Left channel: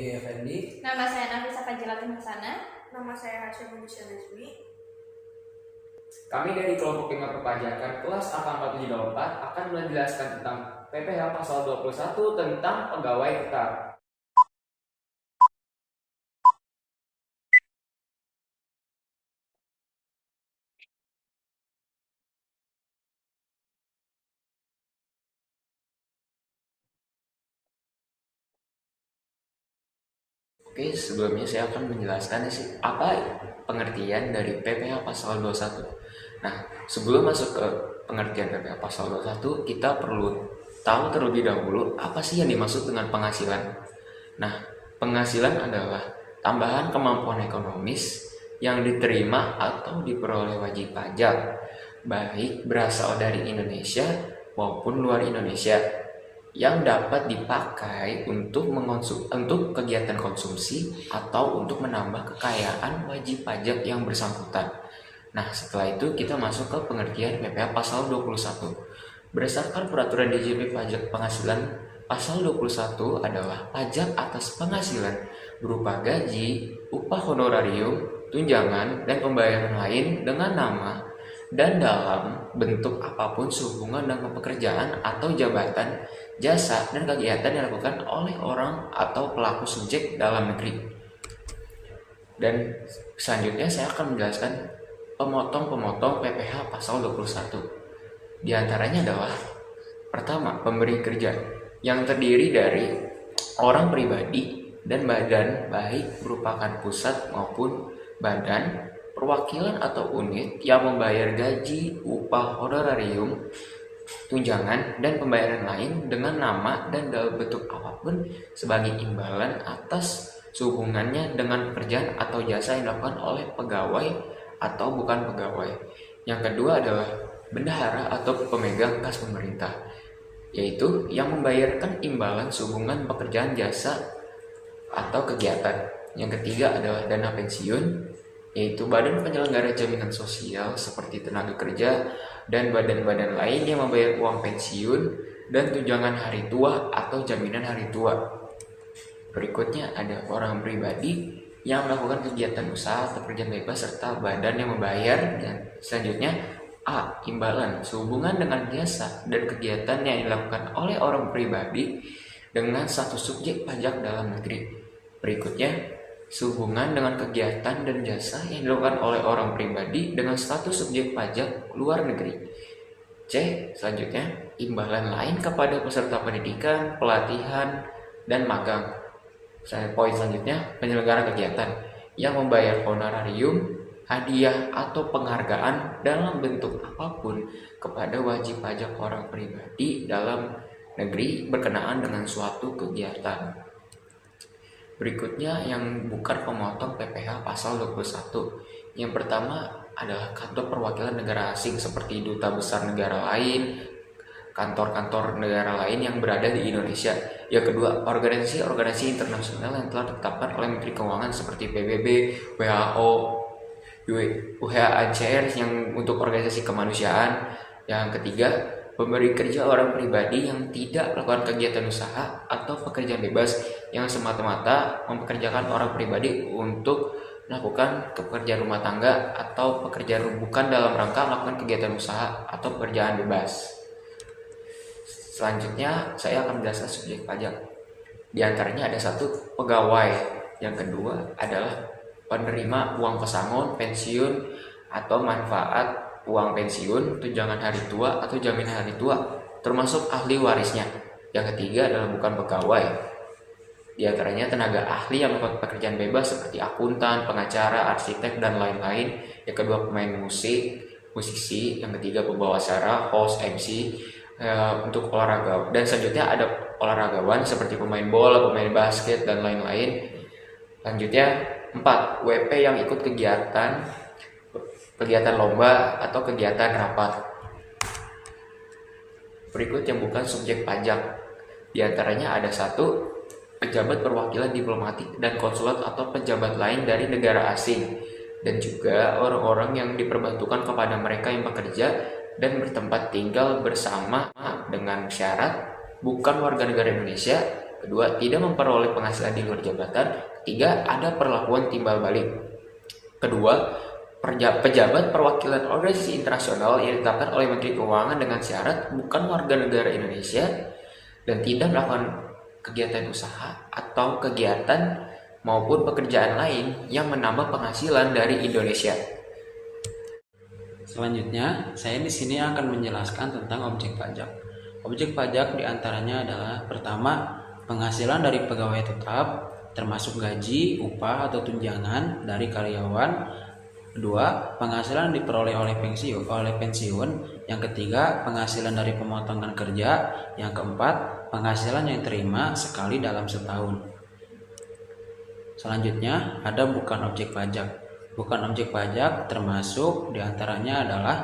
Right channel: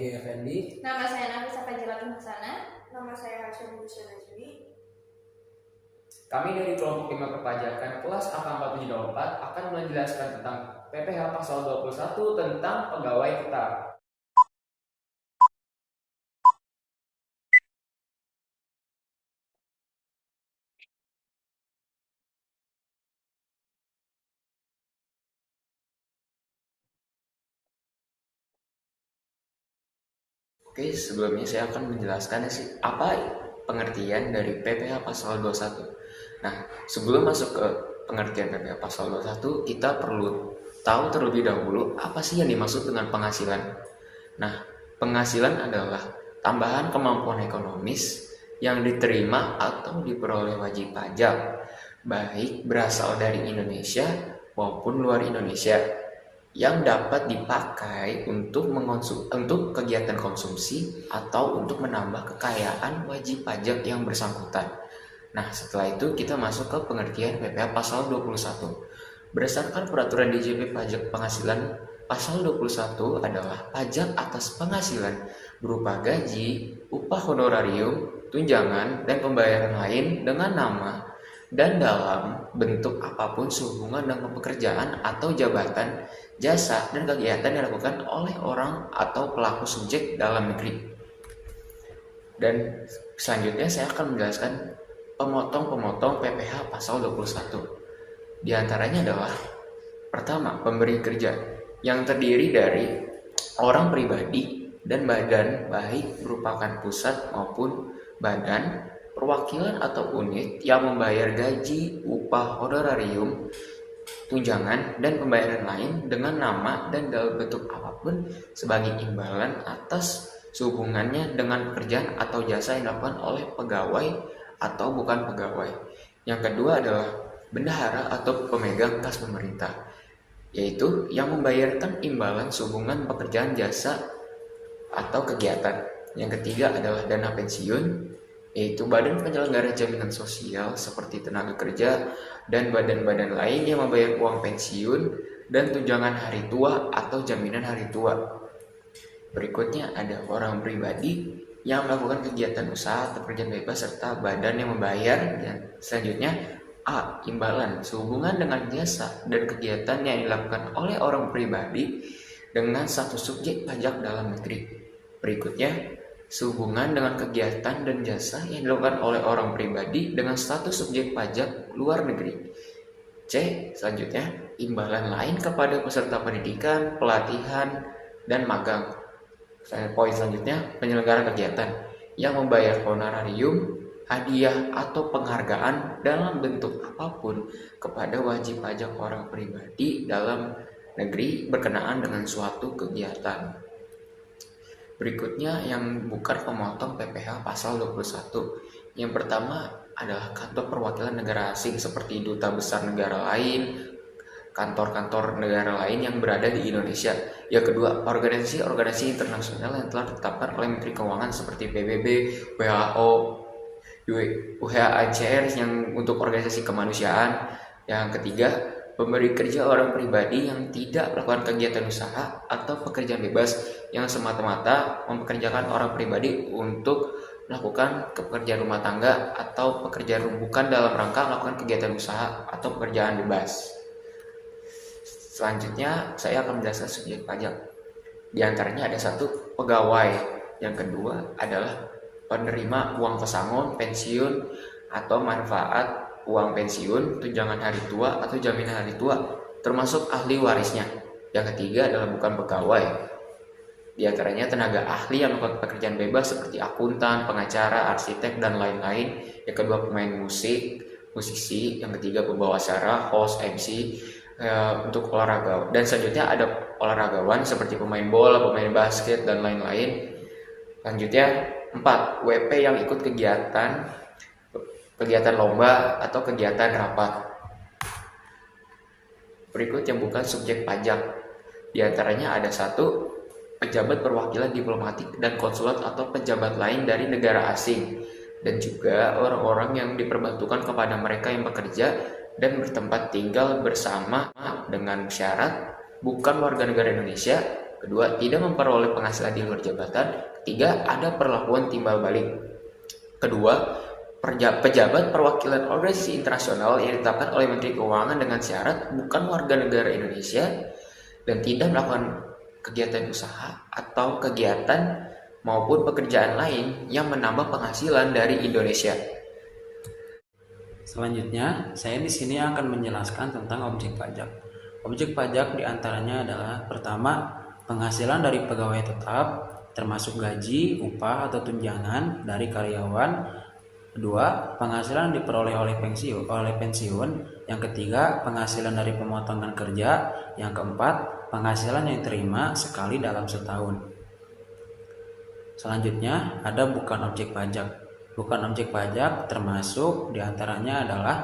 Egi Effendi. Nama saya Nafisa Fajilatun Hasanah. Nama saya Hashim Musa Najmi. Kami dari kelompok 5 perpajakan kelas angka 474 akan menjelaskan tentang PPh pasal 21 tentang pegawai tetap. Oke, sebelumnya saya akan menjelaskan apa pengertian dari PPh pasal 21. Nah, sebelum masuk ke pengertian PPh pasal 21, kita perlu tahu terlebih dahulu apa sih yang dimaksud dengan penghasilan. Nah, penghasilan adalah tambahan kemampuan ekonomis yang diterima atau diperoleh wajib pajak, baik berasal dari Indonesia maupun luar Indonesia, yang dapat dipakai untuk kegiatan konsumsi atau untuk menambah kekayaan wajib pajak yang bersangkutan. Nah, setelah itu kita masuk ke pengertian PPh pasal 21. Berdasarkan peraturan DJP pajak penghasilan pasal 21 adalah pajak atas penghasilan berupa gaji, upah honorarium, tunjangan, dan pembayaran lain dengan nama dan dalam bentuk apapun sehubungan dengan pekerjaan atau jabatan, jasa, dan kegiatan yang dilakukan oleh orang atau pelaku subjek dalam negeri. Dan selanjutnya saya akan menjelaskan pemotong-pemotong PPh pasal 21. Di antaranya adalah pertama, pemberi kerja yang terdiri dari orang pribadi dan badan, baik merupakan pusat maupun badan, perwakilan atau unit yang membayar gaji, upah honorarium, tunjangan, dan pembayaran lain dengan nama dan dalam bentuk apapun sebagai imbalan atas sehubungannya dengan pekerjaan atau jasa yang dilakukan oleh pegawai atau bukan pegawai. Yang kedua adalah bendahara atau pemegang kas pemerintah, yaitu yang membayarkan imbalan sehubungan pekerjaan, jasa, atau kegiatan. Yang ketiga adalah dana pensiun, yaitu badan penyelenggara jaminan sosial seperti tenaga kerja dan badan-badan lain yang membayar uang pensiun dan tunjangan hari tua atau jaminan hari tua. Berikutnya ada orang pribadi yang melakukan kegiatan usaha atau pekerjaan bebas serta badan yang membayar. Dan selanjutnya A. Imbalan sehubungan dengan jasa dan kegiatan yang dilakukan oleh orang pribadi dengan satu subjek pajak dalam negeri. Berikutnya sehubungan dengan kegiatan dan jasa yang dilakukan oleh orang pribadi dengan status subjek pajak luar negeri. C. Selanjutnya, imbalan lain kepada peserta pendidikan, pelatihan, dan magang. Poin selanjutnya, penyelenggara kegiatan yang membayar honorarium, hadiah, atau penghargaan dalam bentuk apapun kepada wajib pajak orang pribadi dalam negeri berkenaan dengan suatu kegiatan. Berikutnya yang bukan pemotong PPh pasal 21. Yang pertama adalah kantor perwakilan negara asing seperti duta besar negara lain, kantor-kantor negara lain yang berada di Indonesia. Yang kedua, organisasi internasional yang telah ditetapkan oleh Menteri Keuangan seperti PBB, WHO, UNHCR yang untuk organisasi kemanusiaan. Yang ketiga, pemberi kerja orang pribadi yang tidak melakukan kegiatan usaha atau pekerjaan bebas yang semata-mata mempekerjakan orang pribadi untuk melakukan pekerjaan rumah tangga atau pekerjaan bukan dalam rangka melakukan kegiatan usaha atau pekerjaan bebas. Selanjutnya saya akan menjelaskan subjek pajak. Di antaranya ada satu, pegawai. Yang kedua adalah penerima uang pesangon, pensiun, atau manfaat uang pensiun, tunjangan hari tua atau jaminan hari tua, termasuk ahli warisnya. Yang ketiga adalah bukan pegawai. Di antaranya tenaga ahli yang melakukan pekerjaan bebas seperti akuntan, pengacara, arsitek, dan lain-lain. Yang kedua pemain musisi. Yang ketiga pembawa acara, host, MC, untuk olahraga. Dan selanjutnya ada olahragawan seperti pemain bola, pemain basket, dan lain-lain. Lanjutnya 4. WP yang ikut kegiatan lomba atau kegiatan rapat. Berikut yang bukan subjek pajak. Di antaranya ada satu, pejabat perwakilan diplomatik dan konsulat atau pejabat lain dari negara asing, dan juga orang-orang yang diperbantukan kepada mereka yang bekerja dan bertempat tinggal bersama dengan syarat bukan warga negara Indonesia Kedua, tidak memperoleh penghasilan di luar jabatan. Ketiga, ada perlakuan timbal balik. Kedua, pejabat perwakilan organisasi internasional yang ditetapkan oleh Menteri Keuangan dengan syarat bukan warga negara Indonesia dan tidak melakukan kegiatan usaha atau kegiatan maupun pekerjaan lain yang menambah penghasilan dari Indonesia. Selanjutnya, saya di sini akan menjelaskan tentang objek pajak. Objek pajak diantaranya adalah pertama, penghasilan dari pegawai tetap, termasuk gaji, upah atau tunjangan dari karyawan. Kedua, penghasilan diperoleh oleh pensiun. Yang ketiga, penghasilan dari pemotongan kerja. Yang keempat, penghasilan yang diterima sekali dalam setahun. Selanjutnya, ada bukan objek pajak. Bukan objek pajak termasuk diantaranya adalah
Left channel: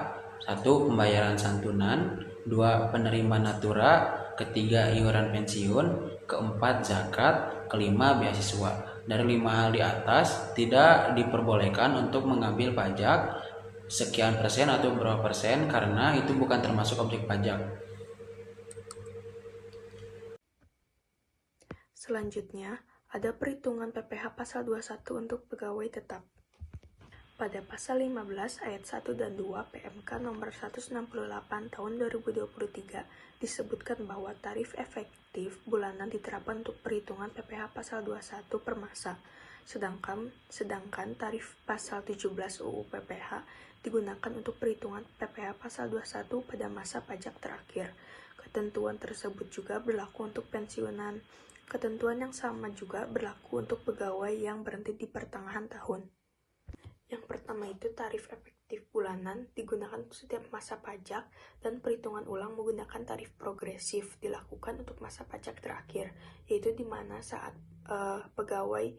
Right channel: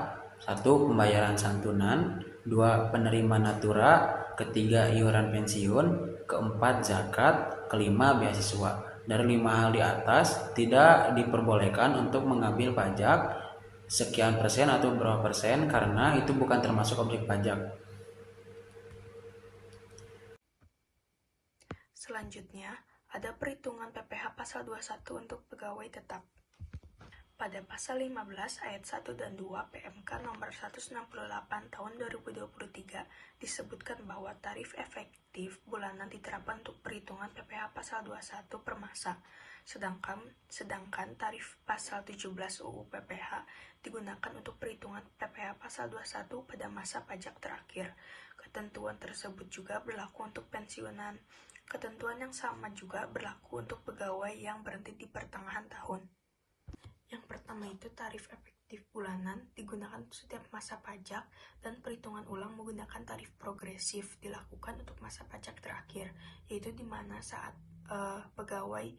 1. Pembayaran santunan, 2. Penerima natura, ketiga iuran pensiun, keempat zakat, kelima beasiswa. Dari 5 hal di atas tidak diperbolehkan untuk mengambil pajak sekian persen atau berapa persen karena itu bukan termasuk objek pajak. Selanjutnya, ada perhitungan PPh pasal 21 untuk pegawai tetap. Pada pasal 15 ayat 1 dan 2 PMK nomor 168 tahun 2023 disebutkan bahwa tarif efektif bulanan diterapkan untuk perhitungan PPh pasal 21 per masa. Sedangkan tarif pasal 17 UU PPh digunakan untuk perhitungan PPh pasal 21 pada masa pajak terakhir. Ketentuan tersebut juga berlaku untuk pensiunan. Ketentuan yang sama juga berlaku untuk pegawai yang berhenti di pertengahan tahun. Yang pertama itu tarif efektif bulanan digunakan untuk setiap masa pajak dan perhitungan ulang menggunakan tarif progresif dilakukan untuk masa pajak terakhir, yaitu di mana saat pegawai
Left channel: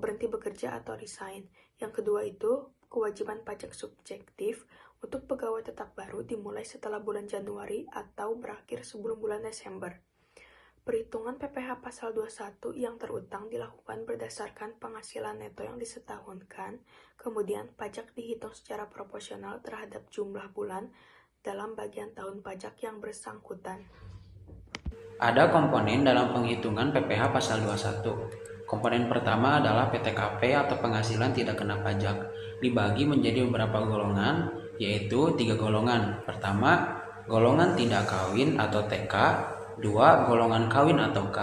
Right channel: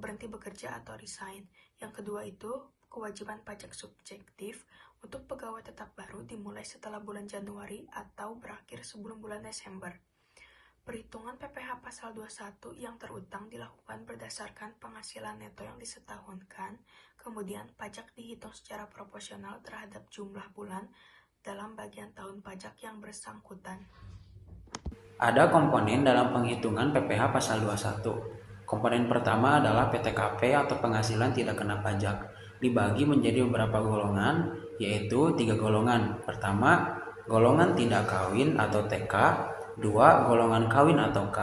berhenti bekerja atau resign. Yang kedua itu kewajiban pajak subjektif untuk pegawai tetap baru dimulai setelah bulan Januari atau berakhir sebelum bulan Desember. Perhitungan PPh pasal 21 yang terutang dilakukan berdasarkan penghasilan neto yang disetahunkan, kemudian pajak dihitung secara proporsional terhadap jumlah bulan dalam bagian tahun pajak yang bersangkutan. Ada komponen dalam penghitungan PPh pasal 21. Komponen pertama adalah PTKP atau penghasilan tidak kena pajak. Dibagi menjadi beberapa golongan, yaitu 3 golongan. Pertama, golongan tidak kawin atau TK. 2. Golongan kawin atau K.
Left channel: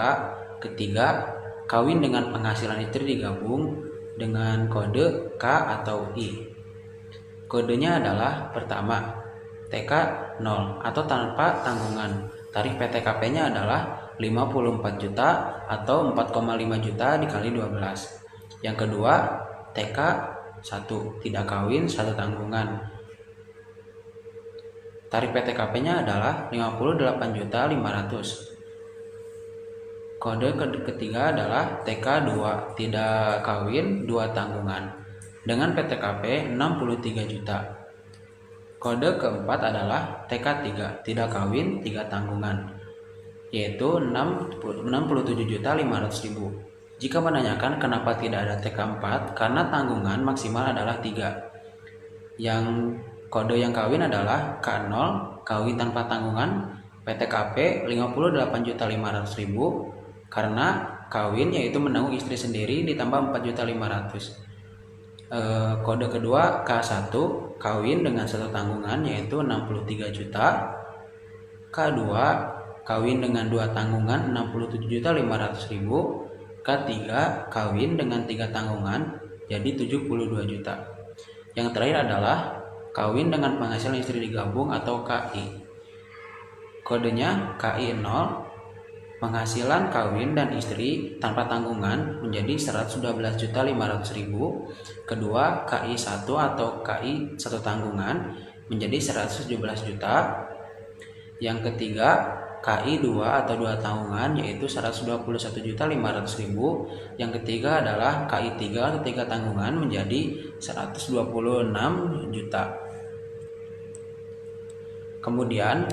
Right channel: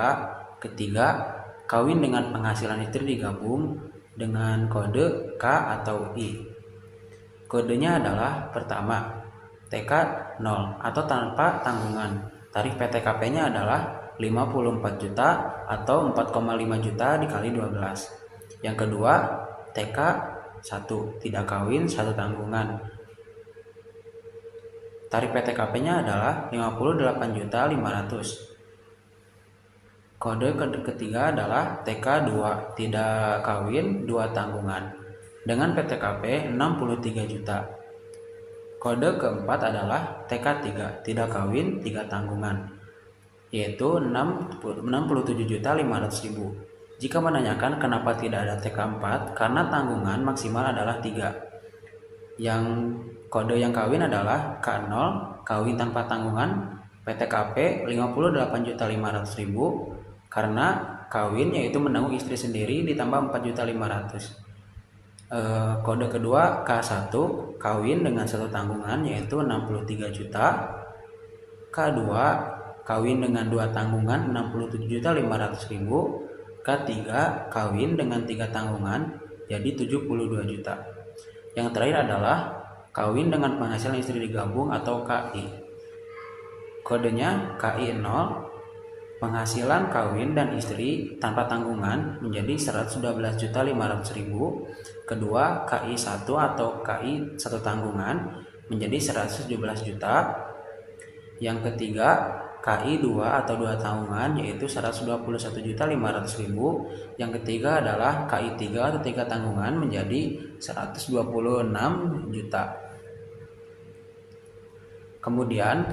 Ketiga, kawin dengan penghasilan istri digabung dengan kode K atau I. Kodenya adalah pertama, TK 0 atau tanpa tanggungan. Tarif PTKP-nya adalah 54 juta atau 4,5 juta dikali 12. Yang kedua, TK 1, tidak kawin 1 tanggungan. Tarif PTKP-nya adalah 58.500.000. Kode ketiga adalah TK 2, tidak kawin 2 tanggungan dengan PTKP 63 juta. Kode keempat adalah TK 3, tidak kawin 3 tanggungan, yaitu 67.500.000. Jika menanyakan kenapa tidak ada TK 4, karena tanggungan maksimal adalah 3. Yang kode yang kawin adalah K0, kawin tanpa tanggungan, PTKP 58.500.000 karena kawin yaitu menanggung istri sendiri ditambah 4.500.000. Kode kedua K1, kawin dengan 1 tanggungan yaitu 63 juta. K2, kawin dengan 2 tanggungan 67.500.000. K3, kawin dengan 3 tanggungan jadi 72 juta. Yang terakhir adalah kawin dengan penghasilan istri digabung atau KI. Kodenya KI 0, penghasilan kawin dan istri tanpa tanggungan menjadi 112.500.000. Kedua, KI 1 atau KI 1 tanggungan menjadi 117 juta. Yang ketiga, KI 2 atau 2 tanggungan yaitu 121.500.000. Yang ketiga adalah KI 3 atau 3 tanggungan menjadi 126 juta. Kemudian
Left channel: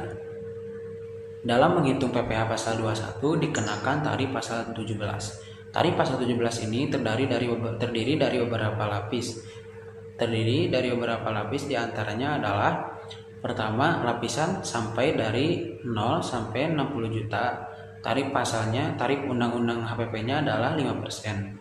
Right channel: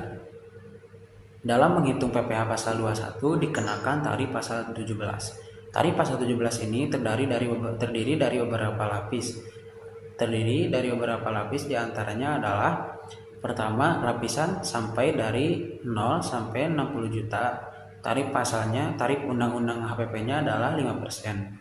dalam menghitung PPh pasal 21 dikenakan tarif pasal 17. Tarif pasal 17 ini terdiri dari beberapa lapis. Terdiri dari beberapa lapis diantaranya adalah pertama, lapisan sampai dari 0 sampai 60 juta tarif undang-undang HPP-nya adalah 5%.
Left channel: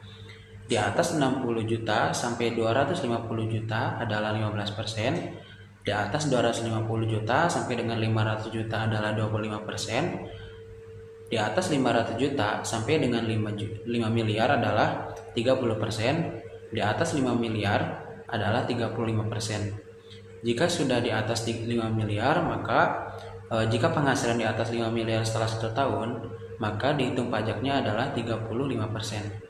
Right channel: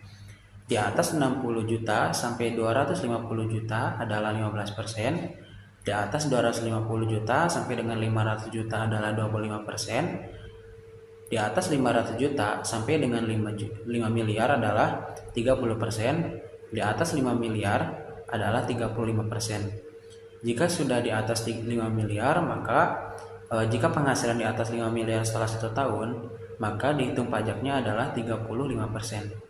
Di atas 60 juta sampai 250 juta adalah 15%. Di atas 250 juta sampai dengan 500 juta adalah 25%. Di atas 500 juta sampai dengan 5 miliar adalah 30%. Di atas 5 miliar adalah 35%. Jika sudah di atas 5 miliar, maka jika penghasilan di atas 5 miliar setelah 1 tahun, maka dihitung pajaknya adalah 35%.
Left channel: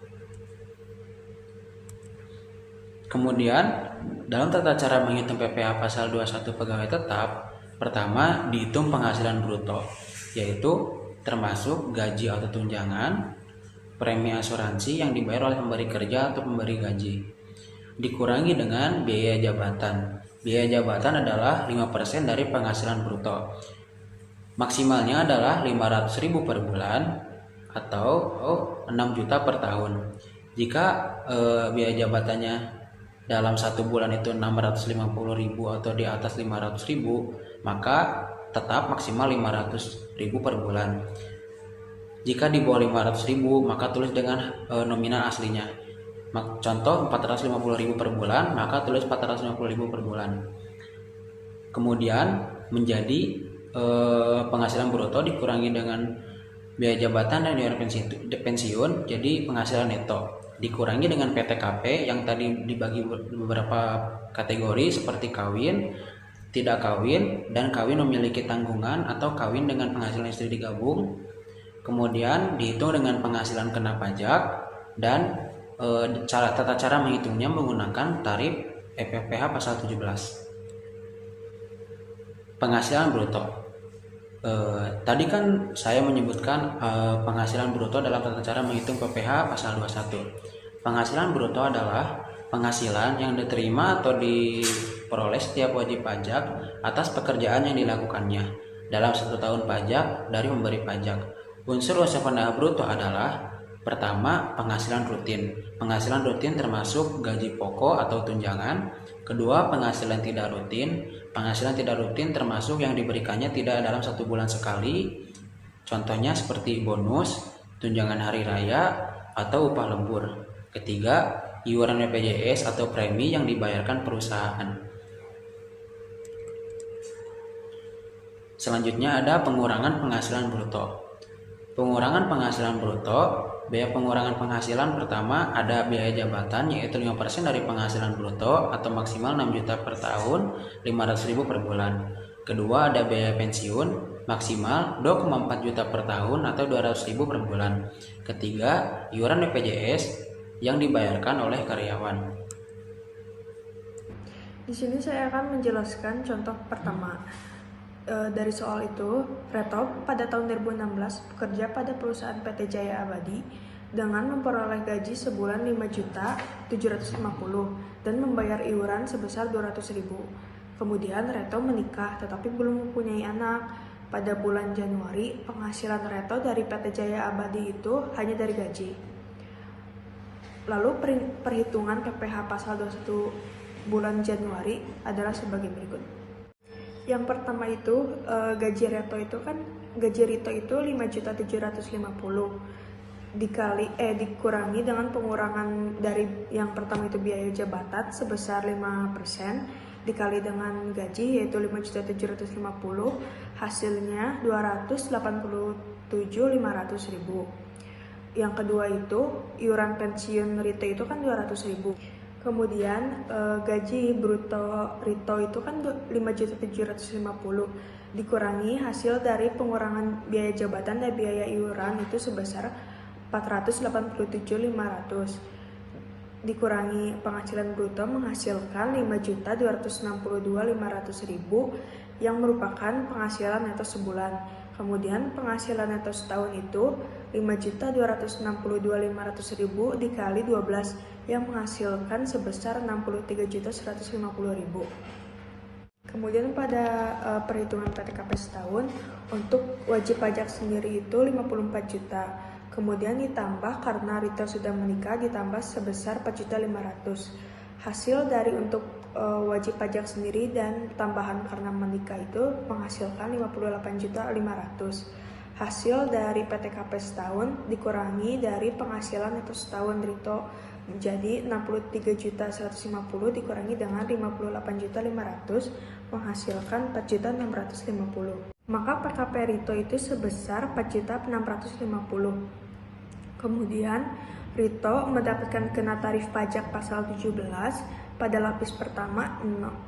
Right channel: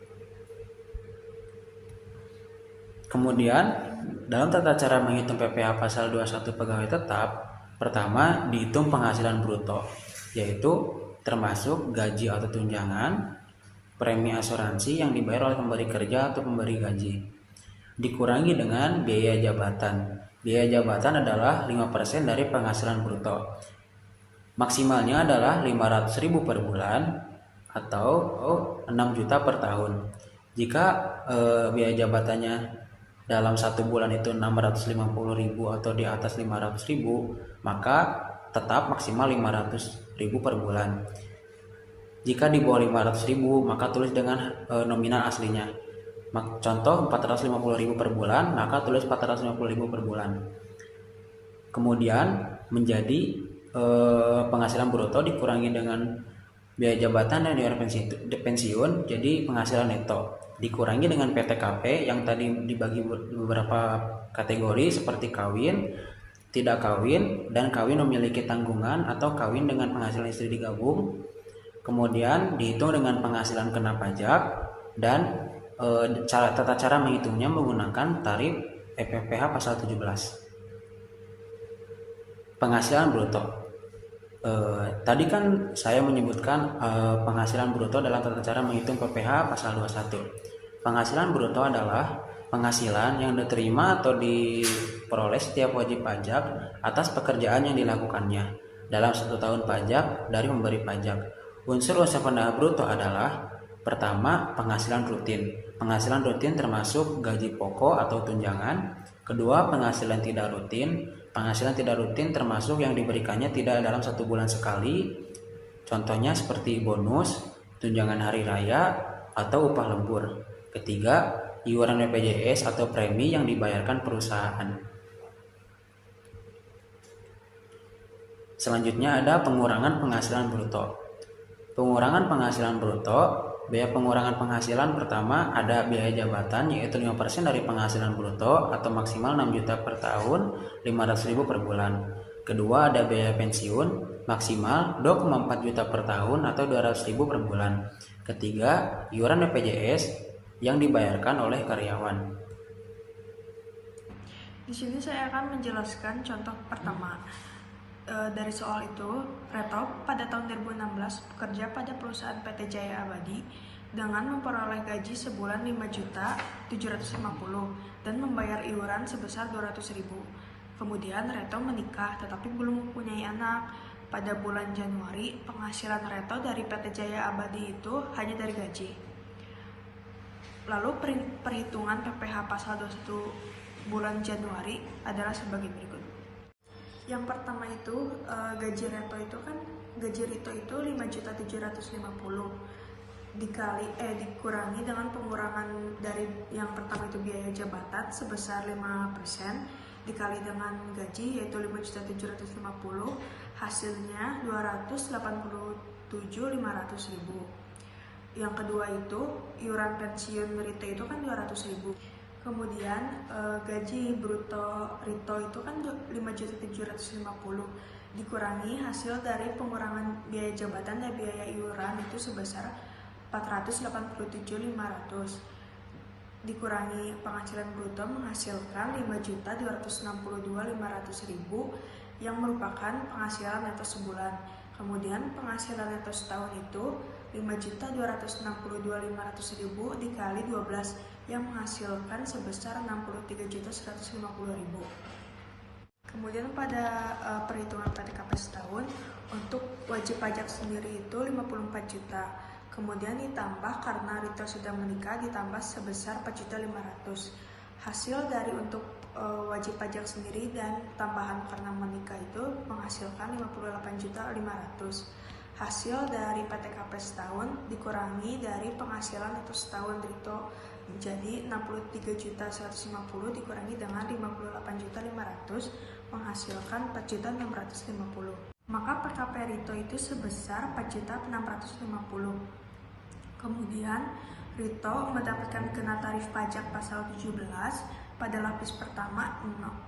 Kemudian, dalam tata cara menghitung PPh pasal 21 pegawai tetap, pertama dihitung penghasilan bruto, yaitu termasuk gaji atau tunjangan, premi asuransi yang dibayar oleh pemberi kerja atau pemberi gaji, dikurangi dengan biaya jabatan. Biaya jabatan adalah 5% dari penghasilan bruto. Maksimalnya adalah 500.000 per bulan atau 6 juta per tahun. Jika biaya jabatannya dalam 1 bulan itu 650.000 atau di atas 500.000, maka tetap maksimal 500.000 per bulan. Jika di bawah 500.000, maka tulis dengan nominal aslinya. Contoh 450.000 per bulan, maka tulis 450.000 per bulan. Kemudian menjadi penghasilan bruto dikurangi dengan biaya jabatan dan biaya pensiun, jadi penghasilan neto. Dikurangi dengan PTKP yang tadi dibagi beberapa kategori seperti kawin, tidak kawin, dan kawin memiliki tanggungan atau kawin dengan penghasilan istri digabung. Kemudian dihitung dengan penghasilan kena pajak dan tata cara menghitungnya menggunakan tarif PPh pasal 17. Penghasilan bruto. Tadi kan saya menyebutkan penghasilan bruto dalam tata cara menghitung PPh pasal 21. Penghasilan bruto adalah penghasilan yang diterima atau diperoleh setiap wajib pajak atas pekerjaan yang dilakukannya dalam 1 tahun pajak dari pemberi pajak. Unsur-unsur pendapat bruto adalah pertama, penghasilan rutin. Penghasilan rutin termasuk gaji pokok atau tunjangan. Kedua, penghasilan tidak rutin. Penghasilan tidak rutin termasuk yang diberikannya tidak dalam 1 bulan sekali. Contohnya seperti bonus, tunjangan hari raya, atau upah lembur. Ketiga, iuran BPJS atau premi yang dibayarkan perusahaan. Selanjutnya ada pengurangan penghasilan bruto. Pengurangan penghasilan bruto, biaya pengurangan penghasilan pertama ada biaya jabatan yaitu 5% dari penghasilan bruto atau maksimal 6 juta per tahun, 500.000 per bulan. Kedua ada biaya pensiun maksimal 2,4 juta per tahun atau 200.000 per bulan. Ketiga, iuran BPJS yang dibayarkan oleh karyawan. Di sini saya akan menjelaskan contoh pertama. Dari soal itu, Reto pada tahun 2016 bekerja pada perusahaan PT Jaya Abadi dengan memperoleh gaji sebulan 5.750.000 dan membayar iuran sebesar 200.000. Kemudian Reto menikah tetapi belum mempunyai anak. Pada bulan Januari, penghasilan Reto dari PT Jaya Abadi itu hanya dari gaji. Lalu perhitungan PPh pasal 21 bulan Januari adalah sebagai berikut. Yang pertama itu gaji Rito itu 5.750.000 dikurangi dengan pengurangan dari yang pertama itu biaya jabatan sebesar 5% dikali dengan gaji yaitu 5.750.000, hasilnya 287.500.000. Yang kedua itu iuran pensiun Rito itu kan 200.000. Kemudian gaji bruto Rito itu kan 5.750.000 dikurangi hasil dari pengurangan biaya jabatan dan biaya iuran itu sebesar 487.500 dikurangi penghasilan bruto menghasilkan 5.262.500.000 yang merupakan penghasilan neto sebulan. Kemudian penghasilan neto setahun itu 5.262.500.000 dikali 12 yang menghasilkan sebesar 63.150.000. Kemudian pada perhitungan PTKP setahun untuk wajib pajak sendiri itu 54 juta. Kemudian ditambah karena Rito sudah menikah ditambah sebesar 4.500.000. Hasil dari untuk wajib pajak sendiri dan tambahan karena menikah itu menghasilkan 58.500.000. Hasil dari PTKP setahun dikurangi dari penghasilan neto setahun Rito menjadi 63.150 dikurangi dengan 58.500 menghasilkan 4.650. Maka PKP Rito itu sebesar 4.650. Kemudian Rito mendapatkan kena tarif pajak pasal 17 pada lapis pertama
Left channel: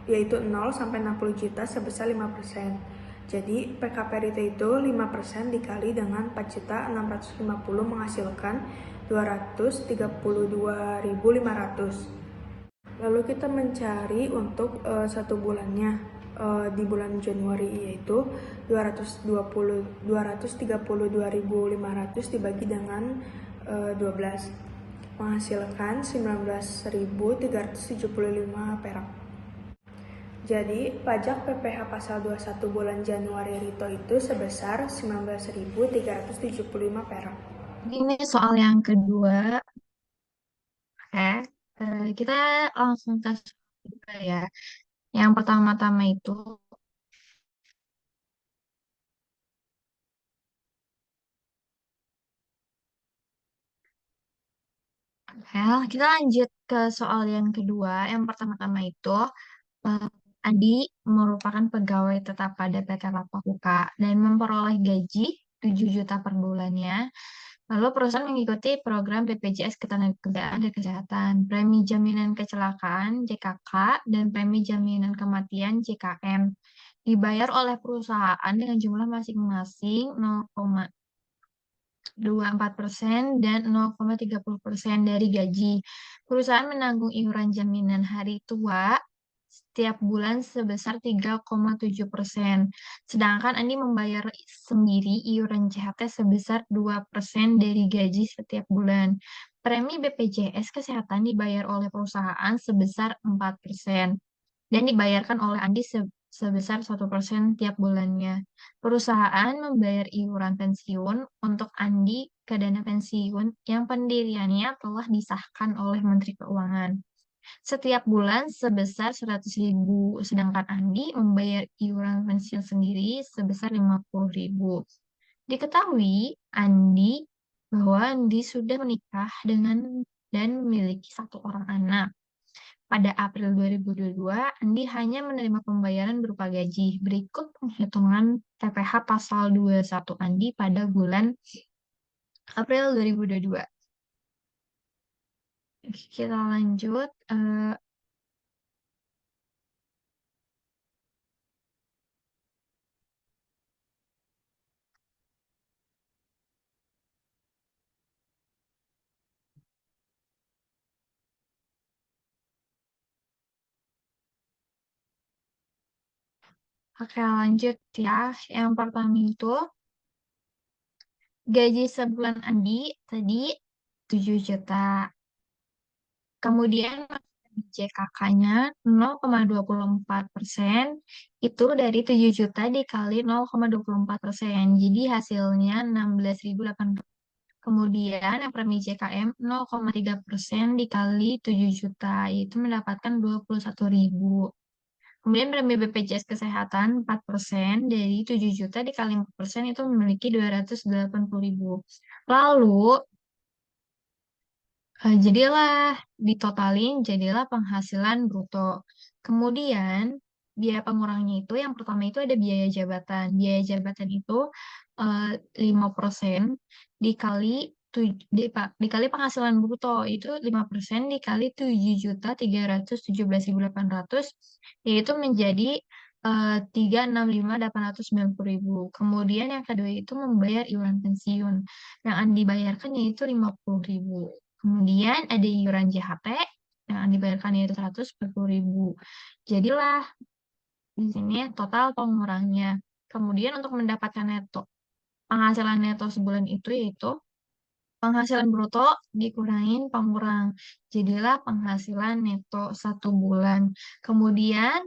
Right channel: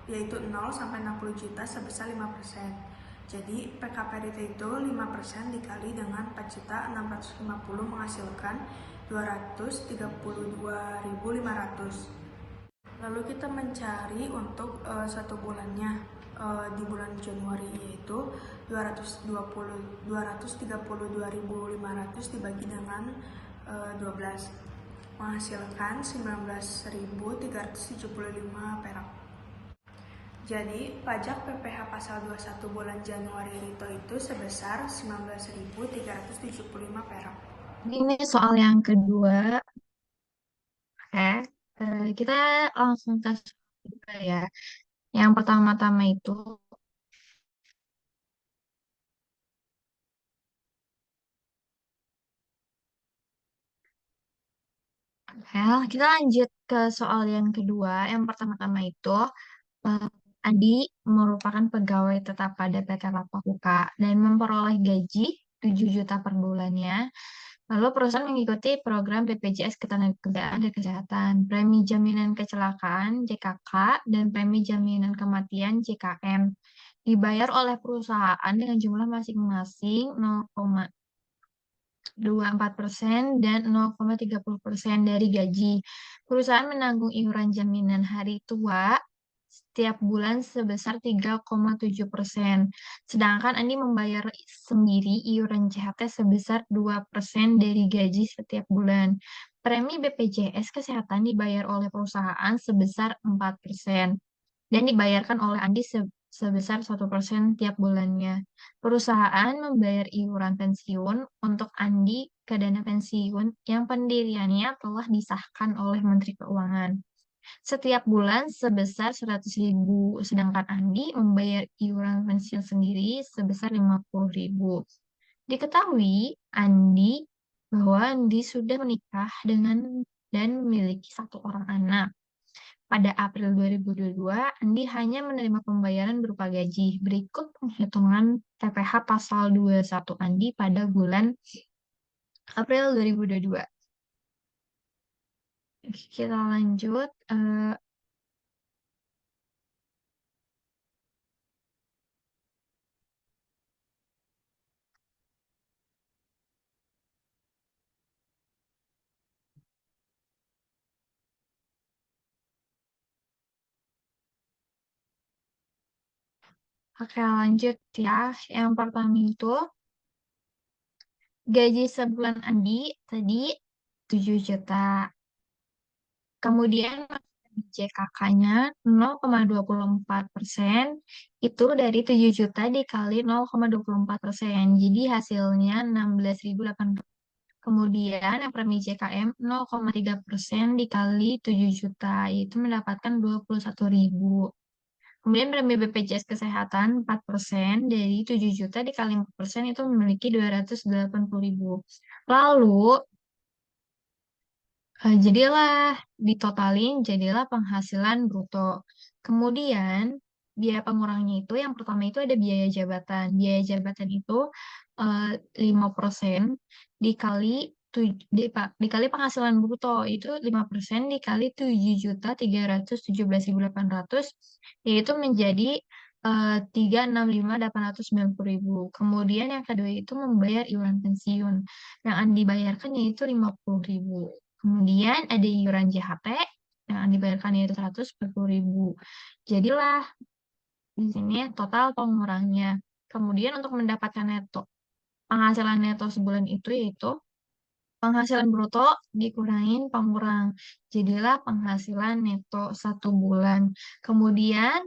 yaitu 0 sampai 60 juta sebesar 5%. Jadi PKP Rito itu 5% dikali dengan 4.650 menghasilkan 232.500. Lalu kita mencari untuk satu bulannya di bulan Januari, yaitu 232.500 dibagi dengan 12 menghasilkan 19.375 perak. Jadi, pajak PPh pasal 21 bulan Januari Rito itu sebesar 19.375 perak. Ini soal yang kedua. Oke, kita langsung ke soal kedua ya. Yang pertama-tama itu, kita lanjut ke soal yang kedua. Yang pertama-tama itu, eh, Adi merupakan pegawai tetap pada PT Lapakuka dan memperoleh gaji 7 juta per bulannya. Lalu perusahaan mengikuti program BPJS Ketenagakerjaan dan Kesehatan, premi jaminan kecelakaan JKK, dan premi jaminan kematian JKM. Dibayar oleh perusahaan dengan jumlah masing-masing 0,24% dan 0,30% dari gaji. Perusahaan menanggung iuran jaminan hari tua setiap bulan sebesar 3,7%. Sedangkan Andi membayar sendiri iuran CHT sebesar 2% dari gaji setiap bulan. Premi BPJS Kesehatan dibayar oleh perusahaan sebesar 4% dan dibayarkan oleh Andi sebesar 1% tiap bulannya. Perusahaan membayar iuran pensiun untuk Andi ke dana pensiun yang pendiriannya telah disahkan oleh Menteri Keuangan. Setiap bulan sebesar 100.000, sedangkan Andi membayar iuran pensiun sendiri sebesar 50.000. Diketahui bahwa Andi sudah menikah dengan dan memiliki satu orang anak. Pada April 2022, Andi hanya menerima pembayaran berupa gaji. Berikut penghitungan TPH pasal 21 Andi pada bulan April 2022. Kita lanjut. Oke, lanjut ya. Yang pertama itu, gaji sebulan Andi tadi 7 juta. Kemudian JKK-nya 0,24%, itu dari 7 juta dikali 0,24%. Jadi hasilnya 16.800. Kemudian yang premi JKM 0,3% dikali 7 juta, itu mendapatkan 21.000. Kemudian premi BPJS Kesehatan 4% dari 7 juta dikali 4% itu memiliki 280.000. Lalu, jadilah penghasilan bruto. Kemudian, biaya pengurangnya itu yang pertama itu ada biaya jabatan. Biaya jabatan itu 5% dikali dikali penghasilan bruto itu 5% dikali 7.317.800 yaitu menjadi 365.890.000. Kemudian yang kedua itu membayar iuran pensiun. Yang dibayarkan yaitu 50.000. Kemudian ada iuran JHT yang dibayarkan yaitu 140.000. Jadilah di sini total pengurangnya. Kemudian untuk mendapatkan penghasilan neto sebulan itu yaitu penghasilan bruto dikurangin pengurang. Jadilah penghasilan neto 1 bulan. Kemudian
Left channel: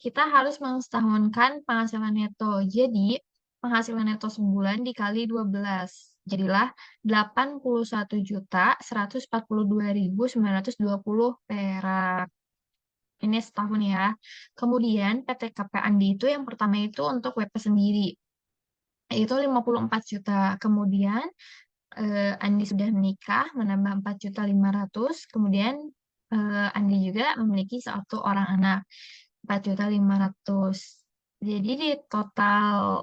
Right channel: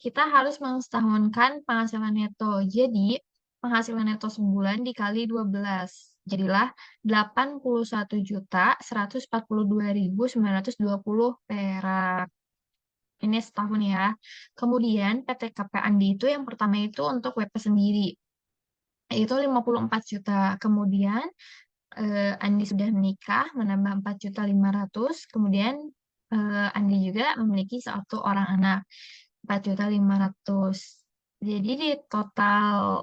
kita harus mensetahunkan penghasilan neto. Jadi penghasilan neto sebulan dikali 12. Jadilah 81.142.920 perak. Ini setahun ya. Kemudian PTKP Andi itu yang pertama itu untuk WP sendiri. itu 54 juta. Kemudian Andi sudah menikah menambah 4.500.000. Kemudian Andi juga memiliki satu orang anak 4.500.000. Jadi di total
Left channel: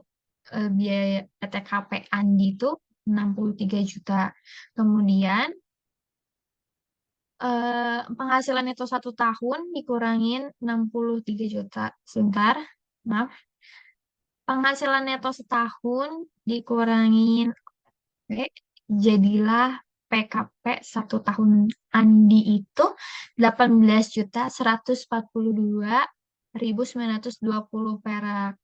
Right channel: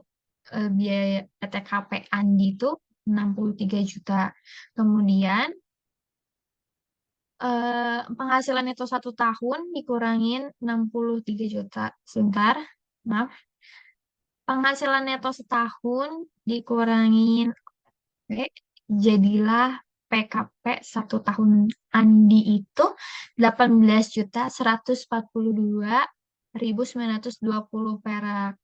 biaya PTKP Andi itu 63 juta. Kemudian penghasilan itu 1 tahun dikurangin 63 juta. Sebentar, maaf. Penghasilan neto setahun dikurangin jadilah PKP 1 tahun Andi itu 18.142.920 perak.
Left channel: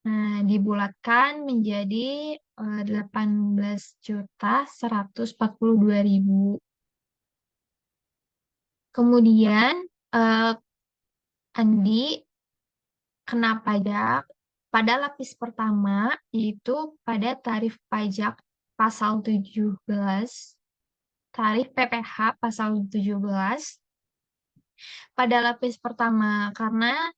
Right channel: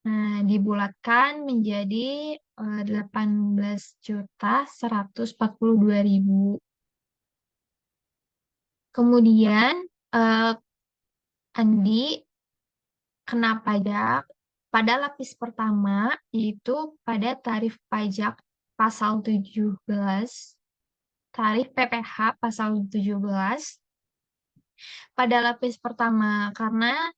Nah, dibulatkan menjadi 18.142.000. Kemudian eh, Andi kena pajak pada lapis pertama, yaitu pada tarif pajak pasal 17, tarif PPh pasal 17 pada lapis pertama, karena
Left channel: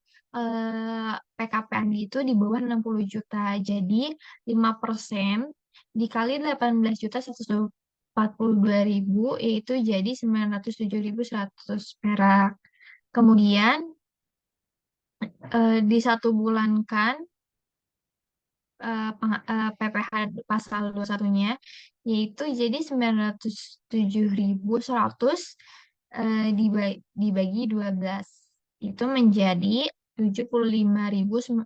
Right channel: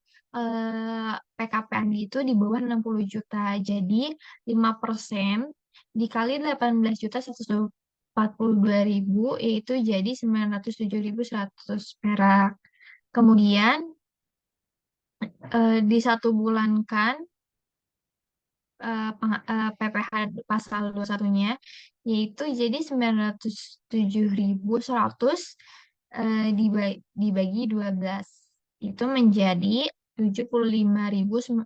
PKP Andi itu di bawah 60 juta. Jadi 5% dikali 18.142.000 yaitu jadi 907.100 perak. Kemudian disatubulankan PPh pasal 21-nya yaitu jadi 907.100 dibagi 12 itu menjadi 75.592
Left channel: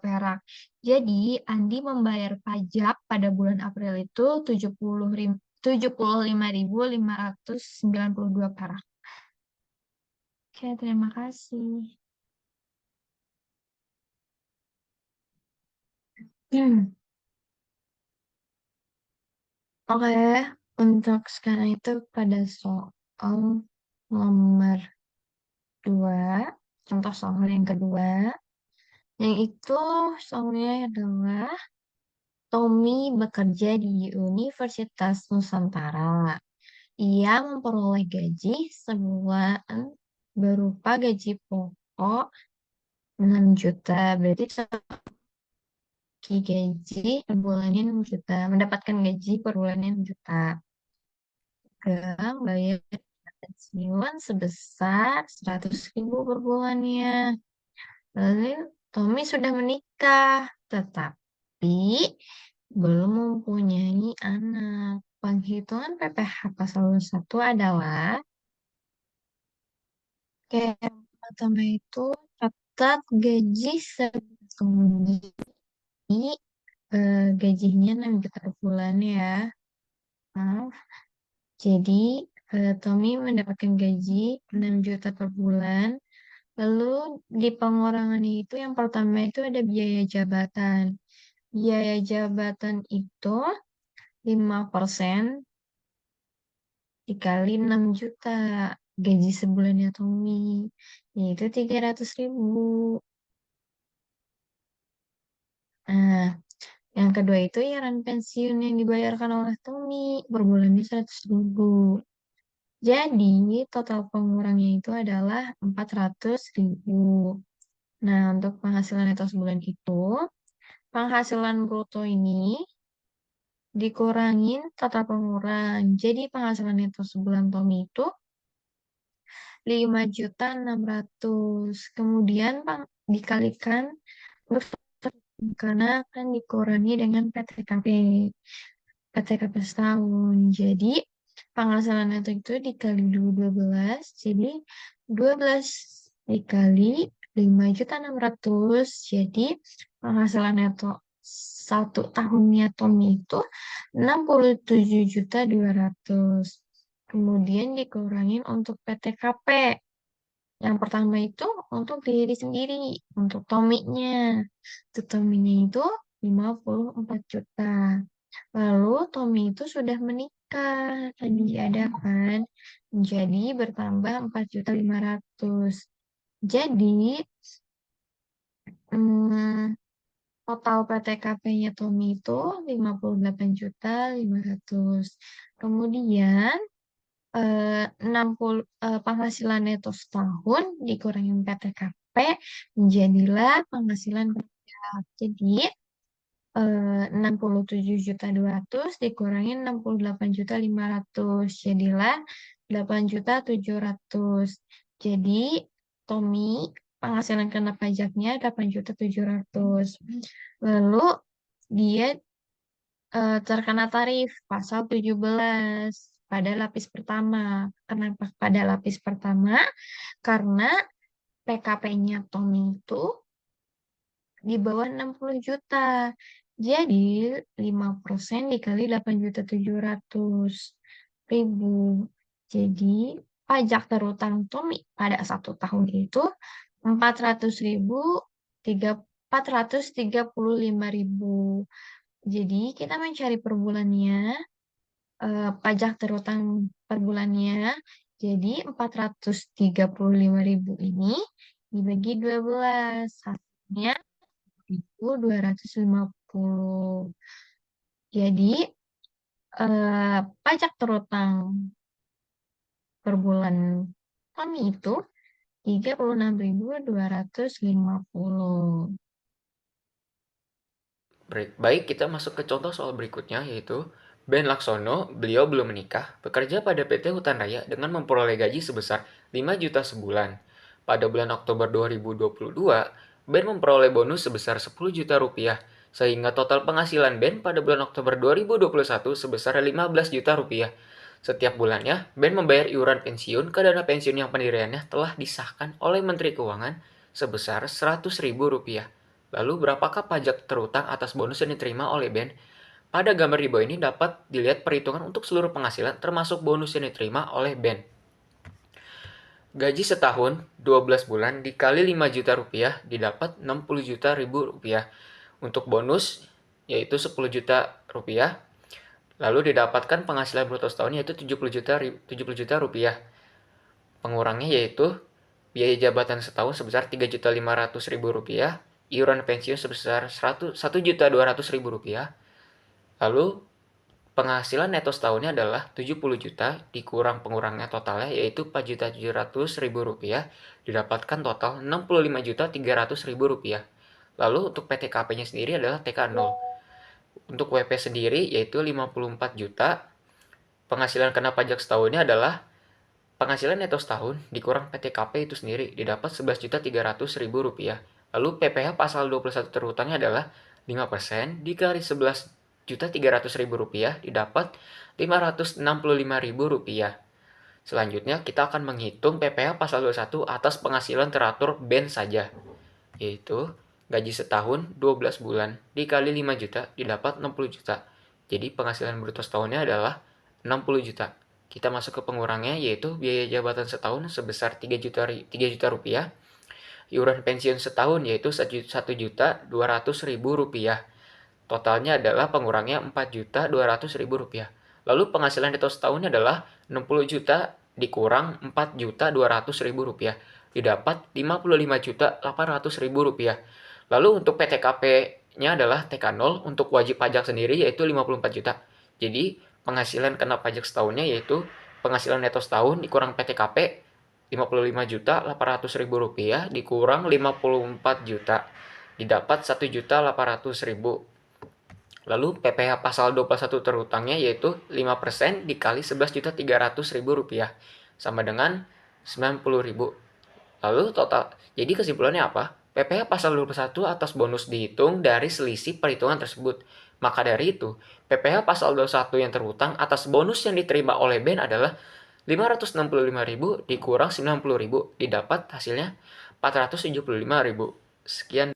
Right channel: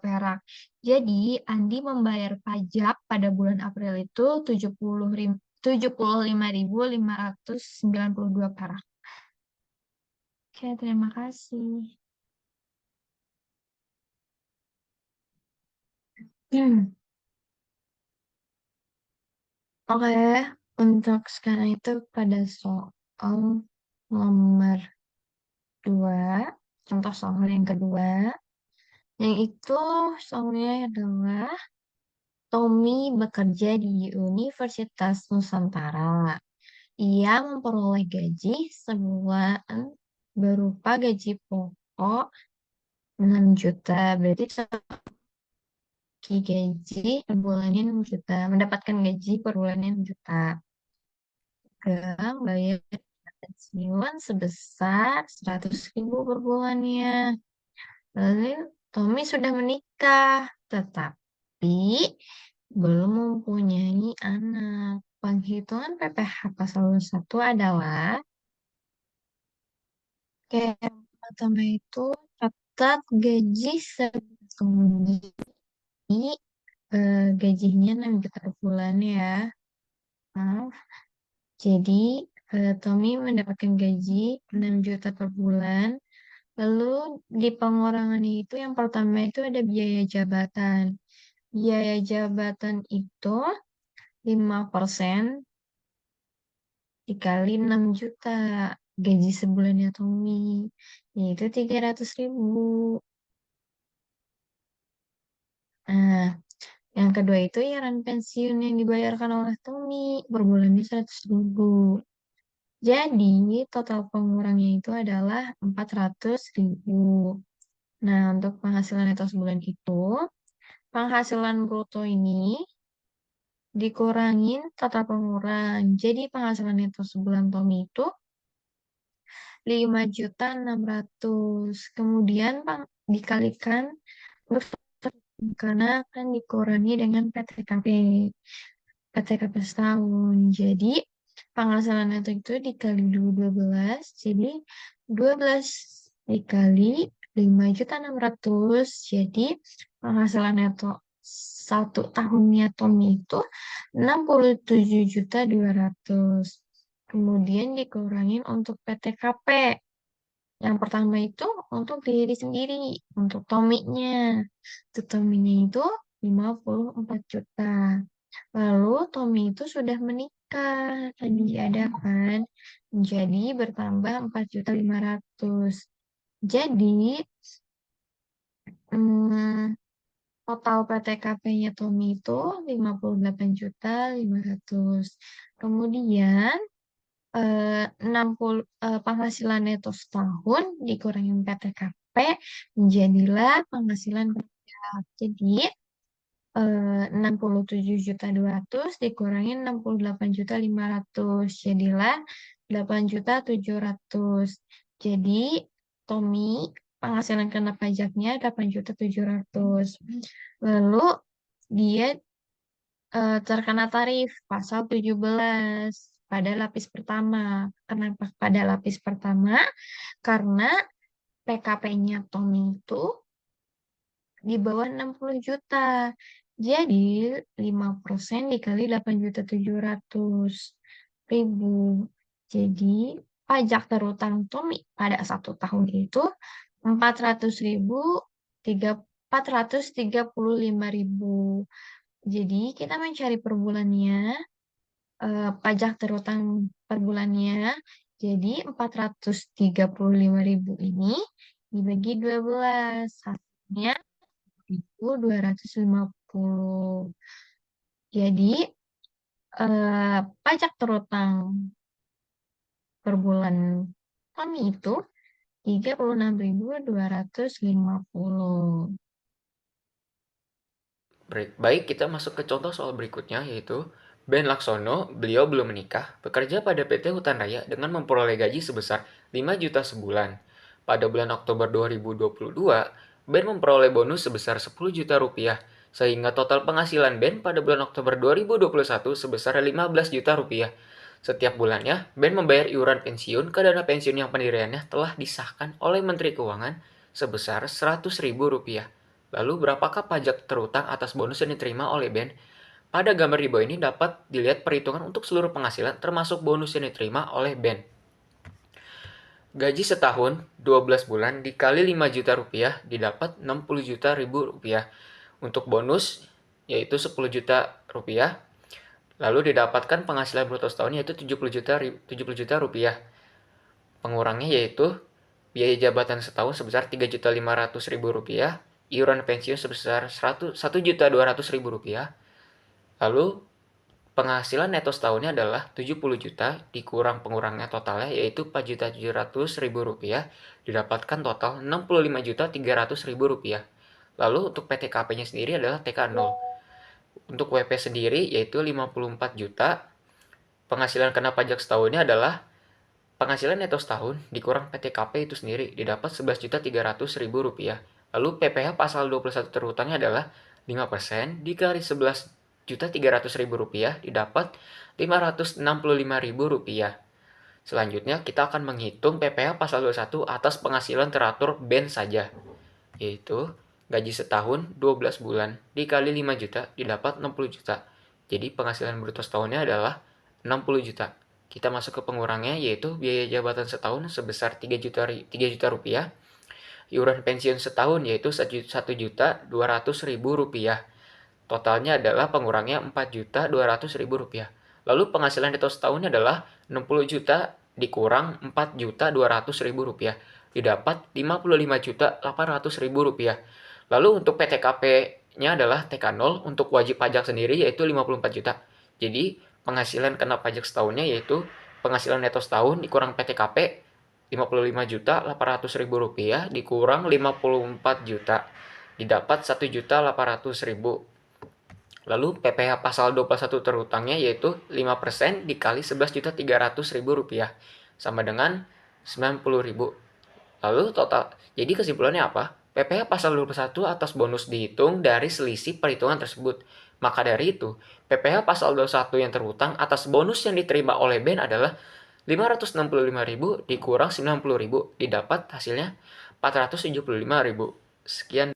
perak. Jadi Andi membayar pajak pada bulan April itu 75.592 perak. Oke, terima kasih. Oke, untuk sekarang itu pada soal nomor 2, contoh soal yang kedua, yang itu soalnya adalah Tommy bekerja di Universitas Nusantara. Ia memperoleh gaji sebulan berupa gaji pokok 6 juta. Berarti gaji per bulannya 6 juta. Mendapatkan gaji per bulannya 6 juta. Bayar pensiun sebesar 100.000 per bulannya. Lalu Tommy sudah menikah, tetapi belum mempunyai anak. Penghitungan PPh pasal 1 adalah yang pertama itu catat gaji kemudian gajinya 6 juta per bulan ya. Maaf. Jadi Tommy mendapatkan gaji 6 juta per bulan. Lalu di pengurangan itu yang pertama itu ada biaya jabatan. Biaya jabatan itu 5% dikali 6 juta. Gaji sebulannya Tommy. Yaitu 300.000. Nah, yang kedua itu iuran pensiun yang dibayarkan oleh Tommy per bulannya 100.000. Jadi, total pengurangnya itu adalah 400.000. Nah, untuk penghasilan neto sebulan itu, penghasilan bruto ini dikurangin total pengurang. Jadi, penghasilan neto sebulan Tommy itu 5.600.000. Kemudian, dikalikan karena akan dikurangi dengan PTKP setahun. Jadi, penghasilan itu dikali 12, jadi 12 dikali 5.600.000, jadi penghasilan neto 1 tahunnya Tommy itu 67.200. Kemudian dikurangin untuk PTKP. Yang pertama itu untuk diri sendiri, untuk Tommy-nya. Untuk Tommy-nya itu 54 juta. Lalu Tommy itu sudah menikah, tadi ada kan? Jadi bertambah 4.500.000. Jadi total PTKP-nya Tommy itu 58.500.000. Kemudian 60 penghasilan neto setahun dikurangin PTKP menjadilah penghasilan pajak. Jadi 67.200.000 dikurangi 68.500.000. Jadilah 8.700.000. Jadi Tommy penghasilan kena pajaknya 8.700.000. Lalu dia terkena tarif pasal 17 pada lapis pertama. Kenapa pada lapis pertama? Karena PKP-nya Tommy itu di bawah 60 juta. Jadi 5% dikali 8.700.000. Jadi pajak terutang Tommy pada 1 tahun itu 435.000. Jadi kita mencari per bulannya, pajak terutang per bulannya. Jadi 435.000 ini dibagi 12, hasilnya 250. Jadi pajak terutang per bulan kami itu 36.250. Baik, kita masuk ke contoh soal berikutnya, yaitu Ben Laksono, beliau belum menikah, bekerja pada PT Hutan Raya dengan memperoleh gaji sebesar 5 juta sebulan. Pada bulan Oktober 2022, Ben memperoleh bonus sebesar 10 juta rupiah, sehingga total penghasilan Ben pada bulan Oktober 2021 sebesar 15 juta rupiah. Setiap bulannya, Ben membayar iuran pensiun ke dana pensiun yang pendiriannya telah disahkan oleh Menteri Keuangan sebesar 100.000 rupiah. Lalu berapakah pajak terutang atas bonus yang diterima oleh Ben? Pada gambar di bawah ini dapat dilihat perhitungan untuk seluruh penghasilan termasuk bonus yang diterima oleh Ben. Gaji setahun 12 bulan dikali 5 juta rupiah didapat 60 juta ribu rupiah. Untuk bonus yaitu 10 juta rupiah. Lalu didapatkan penghasilan bruto setahun yaitu 70 juta rupiah. Pengurangnya yaitu biaya jabatan setahun sebesar 3.500.000 rupiah, iuran pensiun sebesar 1.200.000 rupiah. Lalu penghasilan neto setahunnya adalah 70 juta dikurang pengurangnya totalnya yaitu 4.700.000 rupiah, didapatkan total 65.300.000 rupiah. Lalu untuk PTKP-nya sendiri adalah TK 0. Untuk WP sendiri yaitu 54 juta. Penghasilan kena pajak setahunnya adalah penghasilan neto setahun dikurang PTKP itu sendiri didapat 11.300.000 rupiah. Lalu PPh pasal 21 terutangnya adalah 5% dikali 11.300.000 rupiah didapat 565.000 rupiah. Selanjutnya kita akan menghitung PPh pasal 21 atas penghasilan teratur Ben saja, yaitu gaji setahun 12 bulan dikali 5 juta didapat 60 juta. Jadi penghasilan bruto setahunnya adalah 60 juta. Kita masuk ke pengurangnya yaitu biaya jabatan setahun sebesar 3 juta rupiah. Iuran pensiun setahun yaitu 1.200.000 rupiah. Totalnya adalah pengurangnya 4.200.000 rupiah. Lalu penghasilan neto setahunnya adalah 60 juta dikurang 4.200.000 rupiah. Didapat 55.800.000 rupiah. Lalu untuk PTKP-nya adalah TK 0, untuk wajib pajak sendiri yaitu 54 juta. Jadi penghasilan kena pajak setahunnya yaitu penghasilan neto setahun dikurang PTKP 55.800.000 rupiah dikurang 54 juta. Didapat 1.800.000. Lalu PPh pasal 21 terutangnya yaitu 5% dikali 11.300.000 rupiah sama dengan 90.000. Lalu total, jadi kesimpulannya apa? PPh pasal 21 atas bonus dihitung dari selisih perhitungan tersebut. Maka dari itu, PPh pasal 21 yang terhutang atas bonus yang diterima oleh Ben adalah 565.000 dikurang 90.000 didapat hasilnya 475.000. Sekian.